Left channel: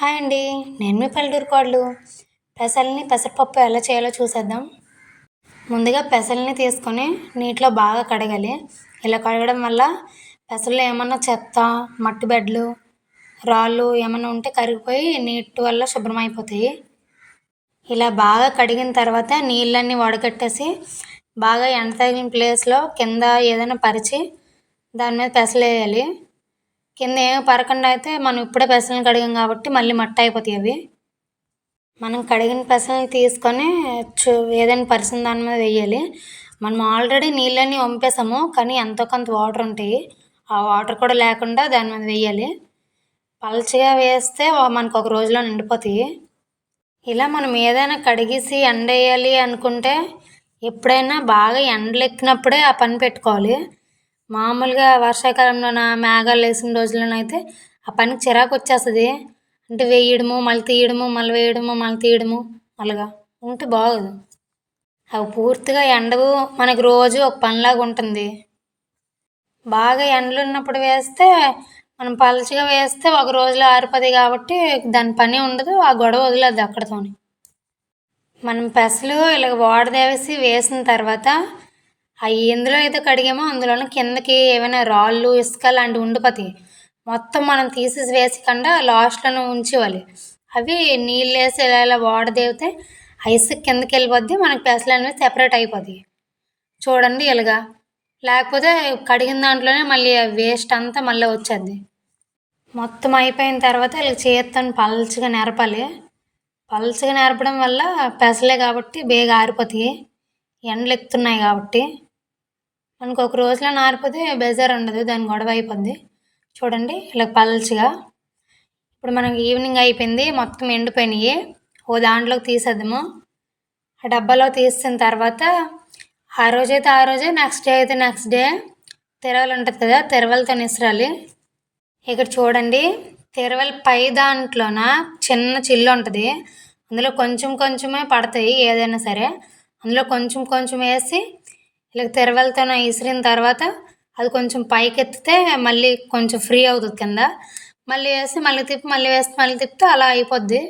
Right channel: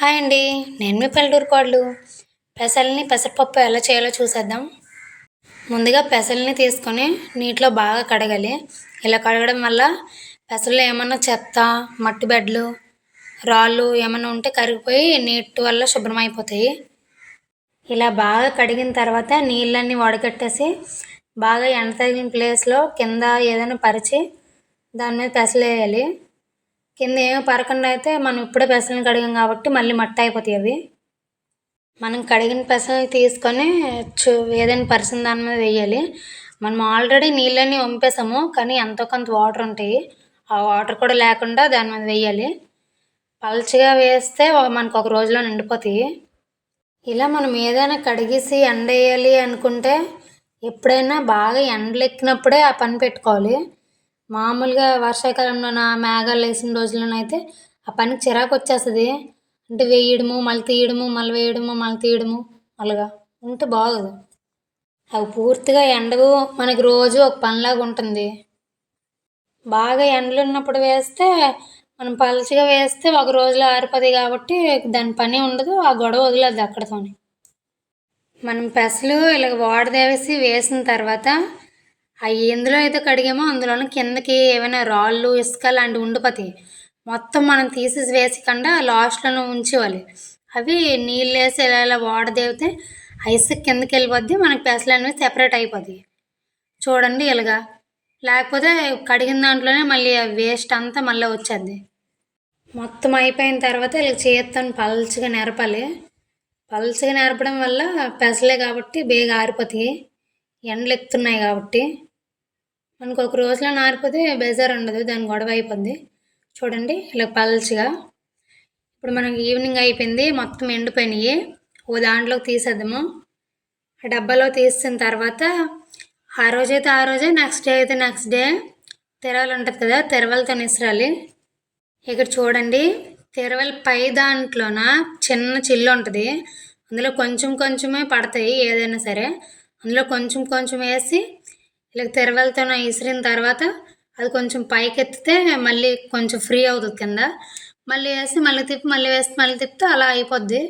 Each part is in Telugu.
హాయ్ అండి. నేను మీ పల్లెటూరు కోడలు. పెసరపప్పు ఎలా చేయాలో చూసేద్దాం. ముందుగా పెసల్ని తీసుకొని నీటిలో బాగా కడగాలి. ఇలా కడగడం వల్ల పెసల్లో ఏమన్నా చెత్త, మట్టి బెడ్డలు, రాళ్ళు ఏమన్నా ఉంటే కరిగిపోయి నీటి వల్ల శుభ్రమైపోతాయి. ఇలా బాగా కడిగిన తర్వాత నీళ్ళన్నీ వడకట్టేసి బాగా ఎండ తగిలిన ప్లేస్లో కింద ఏదైనా పరిచి దాని మీద పెసలేయాలి. కింద ఏమీ పడకుండా అయితే మనం ఇప్పుడే పెసలను కడిగాం కాబట్టి మళ్ళీ మట్టి అయిపోతాయి అవి. మనం కడిగిన పెసలను తీసుకొని ఏదైనా పరిచిన దాని మీద వేయాలి. మనం ఆల్రెడీ నీళ్ళన్నీ వంపేసాము, కానీ ఎంతో కొంత వాటర్ ఉంటాయి. ఆ వాటర్ కూడా లేకుండా దాని మీద వేయాలి. పలచగా వేస్తే మనకు ఒక రోజులో నిండిపోతాయి. ఇలా మనం ఏదైనా కడిగేసి ఎండేయాలి అనుకుంటే ఎప్పుడైనా బాగా ఎండలెక్కినప్పుడే ఆ పని పెట్టుకోవాలి. మామూలుగా వర్షాకాలంలోన మేఘాలు వేసిన రోజుల్లోనైతే ఆ పనికి చిరాకు వచ్చేస్తుంది. అంటే వేయడము మళ్ళీ తీయడము, మళ్ళీ వేయడము మళ్ళీ తీయడము, అలాగా ఉంటే బాగోదు. అవి పూర్తిగా ఎండవు, మనకి రోజు ఒక పనిలాగా ఉంటుంది. బాగా ఎండలు ఉన్నప్పుడు వేస్తే మనం పలచగా వేస్తే ఒక రోజులో ఆరిపోతాయి కాబట్టి దాని పని ఉండదు, ఆ గొడవ వదిలేదు అక్కడితోని. మనం పెసలు ఇలా వాడదేవేసి వేసిన తర్వాత అవి ఎందులో అయితే కడిగామో అందులోనే కిందకి ఏమైనా రాళ్ళు, ఇసుక లాంటివి ఉండిపోతాయి. మొత్తం మనం తీసేసి వేసకుండా లాస్ట్లోనే ఉంచేవాలి. అవి నీళ్ళు వేసి ఇలా వాడదేవితే ఆ ఇసుక కిందకి వెళ్ళిపోద్ది, మనకి పెసలు అనేవి సెపరేట్ అయిపోతాయి. చూడండి ఇలాగా. లేకపోతే కడిగిన దాంట్లోనే మళ్ళీ వేస్ట్ అంతా మళ్ళీ వచ్చేది. మొత్తం అయిపోయిన తర్వాత ఇలా చేత్తో పల్చగా నెరపాలి. పల్చగా నెరపడం వల్ల పెసలే కాబట్టి బేగా ఆరిపోతాయి, ఎండలు ఎక్కుతున్నాయి కాబట్టి. మనకు ఒక రోజులో ఆరిపోతే బేజారు ఉండదు, దాని గొడవ అయిపోద్ది. చూడండి ఇలా పల్చగా. ఇప్పుడు మనకి ఈవినింగ్ అయిపోయింది, మొత్తం ఎండిపోయినాయి. ఓ దాంట్లోకి తీసేద్దాము. ఆ డబ్బాలో తీసిన తర్వాత ఆ రోజైతే ఆ రోజే, నెక్స్ట్ డే అయితే నెక్స్ట్ డే తెరవలు ఉంటుంది కదా, తెరవలతో నిసరాలి. ఇక్కడ చూడండి, తెరవల పై దాంట్లోన చిన్న చిల్లు ఉంటుంది, అందులో కొంచెం కొంచెమే పడతాయి ఏదైనా సరే. అందులో కొంచెం కొంచెం వేసి ఇలా తెరవలతో విసిరిన తర్వాత అది కొంచెం పైకి ఎత్తితే మళ్ళీ కొంచెం ఫ్రీ అవుతుంది కింద. మళ్ళీ వేసి మళ్ళీ తిప్పి మళ్ళీ వేసి మళ్ళీ తిప్పితే అలా అయిపోద్ది.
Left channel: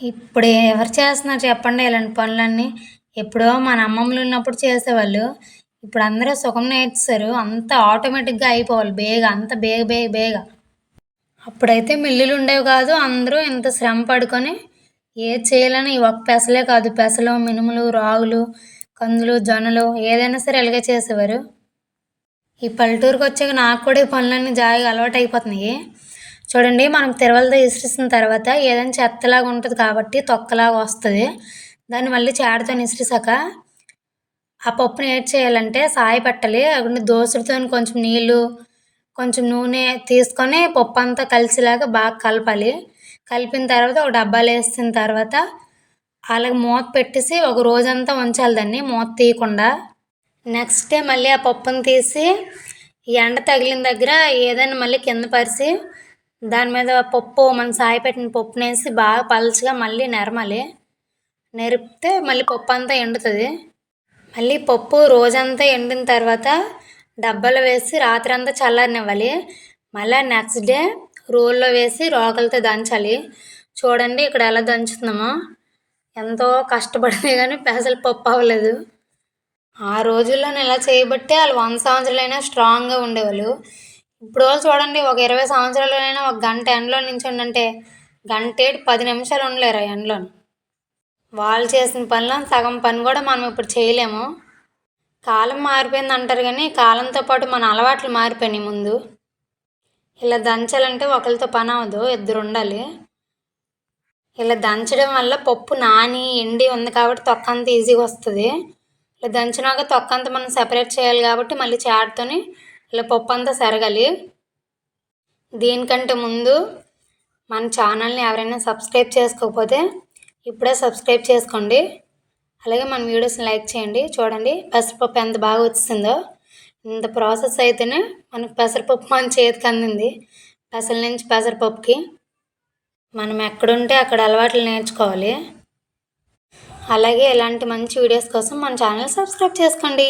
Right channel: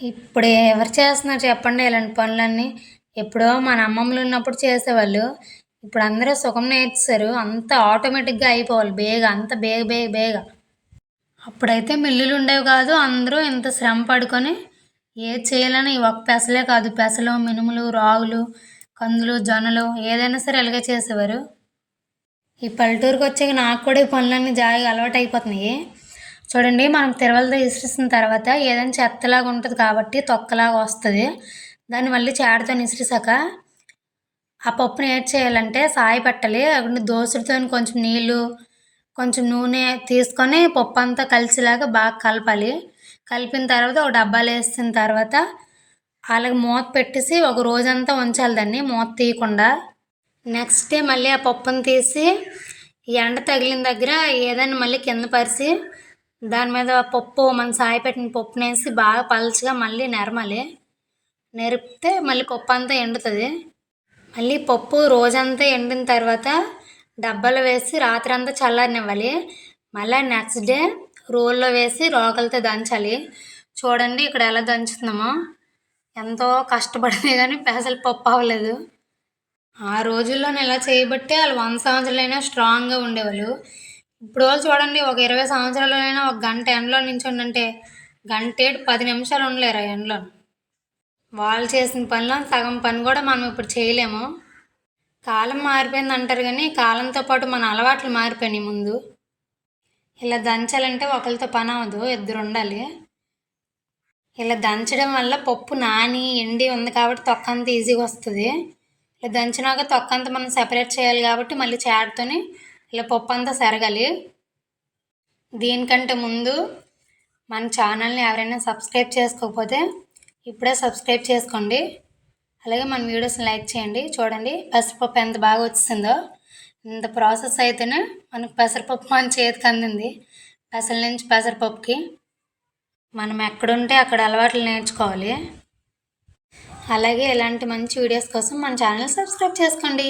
ఇప్పుడు ఎవరు చేస్తున్నారు చెప్పండి ఇలాంటి పనులన్నీ? ఎప్పుడో మన అమ్మమ్మలు ఉన్నప్పుడు చేసేవాళ్ళు. ఇప్పుడు అందరూ సుఖం నేర్చేశారు, అంత ఆటోమేటిక్గా అయిపోవాలి బేగా, అంత బేగ బేగ బేగ. అప్పుడైతే మిల్లులు ఉండేవి కాదు, అందరూ ఇంత శ్రమ పడుకొని ఏది చేయాలని ఈ ఒక్క పెసలే కాదు, పెసలు, మినుములు, రాగులు, కందులు, జొన్నలు ఏదైనా సరే ఇలాగే చేసేవారు. ఈ పల్లెటూరుకి వచ్చాక నాకు కూడా ఈ పనులన్నీ జాయిగా అలవాటు అయిపోతున్నాయి. చూడండి, మనం తిరవలతో విసిరిసిన తర్వాత ఏదైనా చెత్తలాగా ఉంటుంది కాబట్టి తొక్కలాగా వస్తుంది. దాన్ని మళ్ళీ చాటతో విసిరిసాక ఆ పప్పుని ఏం చేయాలంటే సాయి పెట్టాలి. అక్కడ దోసలతో కొంచెం నీళ్ళు, కొంచెం నూనె తీసుకొని పప్పు అంతా కలిసేలాగా బాగా కలపాలి. కలిపిన తర్వాత ఒక డబ్బాలో వేసిన తర్వాత అలాగే మూత పెట్టేసి ఒక రోజంతా ఉంచాలి దాన్ని మూత తీయకుండా. నెక్స్ట్ డే మళ్ళీ ఆ పప్పును తీసి ఎండ తగిలిన దగ్గర ఏదైనా మళ్ళీ కింద పరిచి దాని మీద పప్పు, మనం సాయి పెట్టిన పప్పును వేసి బాగా పలచగా మళ్ళీ నెరమాలి. నెరిపితే మళ్ళీ పప్పు అంతా ఎండుతుంది. మళ్ళీ పప్పు రోజంతా ఎండిన తర్వాత డబ్బాలో వేసి రాత్రి అంతా చల్లారనివ్వాలి. మళ్ళీ నెక్స్ట్ డే రోల్లో వేసి రోకలతో దంచాలి. చూడండి ఇక్కడ ఎలా దంచుతున్నామో. ఎంతో కష్టపడితే కానీ పెసలు పప్పు అవ్వలేదు. ఆ రోజుల్లో ఇలా చేయబట్టే వాళ్ళు 100 సంవత్సరాలైనా స్ట్రాంగ్గా ఉండేవాళ్ళు. ఇప్పుడు వాళ్ళు చూడండి, ఒక 20 సంవత్సరాలైనా ఒక గంట ఎండలో నించుండంటే గంటేటి 10 నిమిషాలు ఉండలేరు ఆ ఎండలో. వాళ్ళు చేసిన పనిలో సగం పని కూడా మనం ఇప్పుడు చేయలేము. కాలం మారిపోయింది అంటారు కానీ కాలంతో పాటు మన అలవాట్లు మారిపోయినాయి. ముందు ఇలా దంచాలంటే ఒకరితో పని అవ్వదు, ఇద్దరు ఉండాలి. ఇలా దంచడం వల్ల పప్పు నాని ఎండి ఉంది కాబట్టి తొక్క అంతా ఈజీగా వస్తుంది. ఇలా దంచినాక తొక్క అంతా మనం సెపరేట్ చేయాలి కాబట్టి మళ్ళీ చాటుతోని ఇలా పప్పు అంతా సెరగాలి. దీనికంటే ముందు మన ఛానల్ని ఎవరైనా సబ్స్క్రైబ్ చేసుకోకపోతే ఇప్పుడే సబ్స్క్రైబ్ చేసుకోండి. అలాగే మన వీడియోస్ని లైక్ చేయండి. చూడండి పెసరపప్పు ఎంత బాగా వచ్చిందో. ఇంత ప్రాసెస్ అయితేనే మనకు పెసరపప్పు మన చేతికి అందింది. పెసల నుంచి పెసరపప్పుకి మనం ఎక్కడుంటే అక్కడ అలవాట్లు నేర్చుకోవాలి. అలాగే ఇలాంటి మంచి వీడియోస్ కోసం మన ఛానల్ సబ్స్క్రైబ్ చేసుకోండి.